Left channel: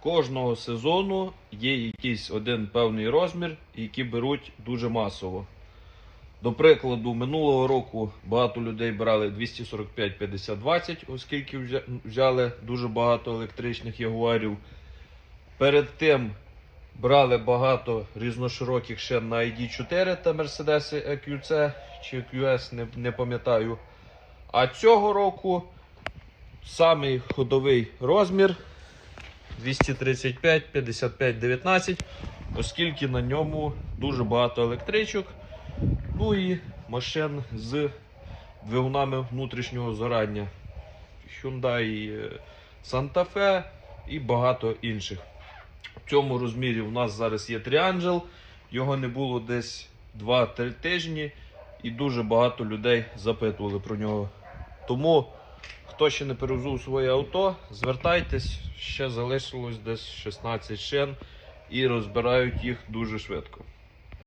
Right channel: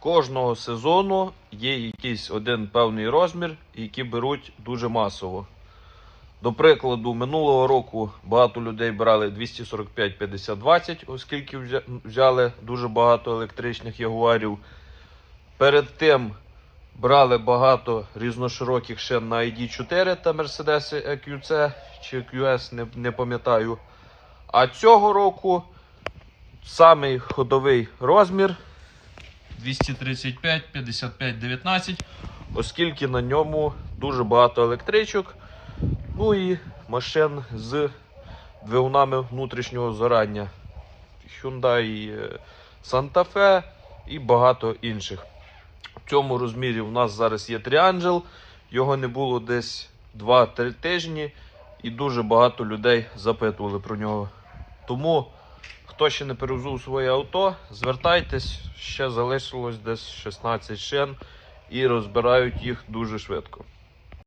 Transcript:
Кожного сезону є якийсь один певний розмір, який беруть дуже масово. До прикладу, минулого року багато людей брали 245 50 20 оскільки взяли дуже багато електричних ягуарів. Перед тим брали багато різношироких шин на ID4 та Mercedes EQC чи EQS, не, не пам'ятаю. А цього року самий ходовий розмір 235 55 19, оскільки на ньому дуже багато електричок. Ну і машин з двигунами внутрішнього згорання. Hyundai е, Santa Fe і багато інших. В цьому розмірі у нас зараз є Triangel. Його не було десь 2-3 тижні, і дуже багато людей запитували про нього. Тому, хто ще не перевзув своє авто, звертайтесь, ще залишилось десь 16 шин і розбирають їх дуже швидко.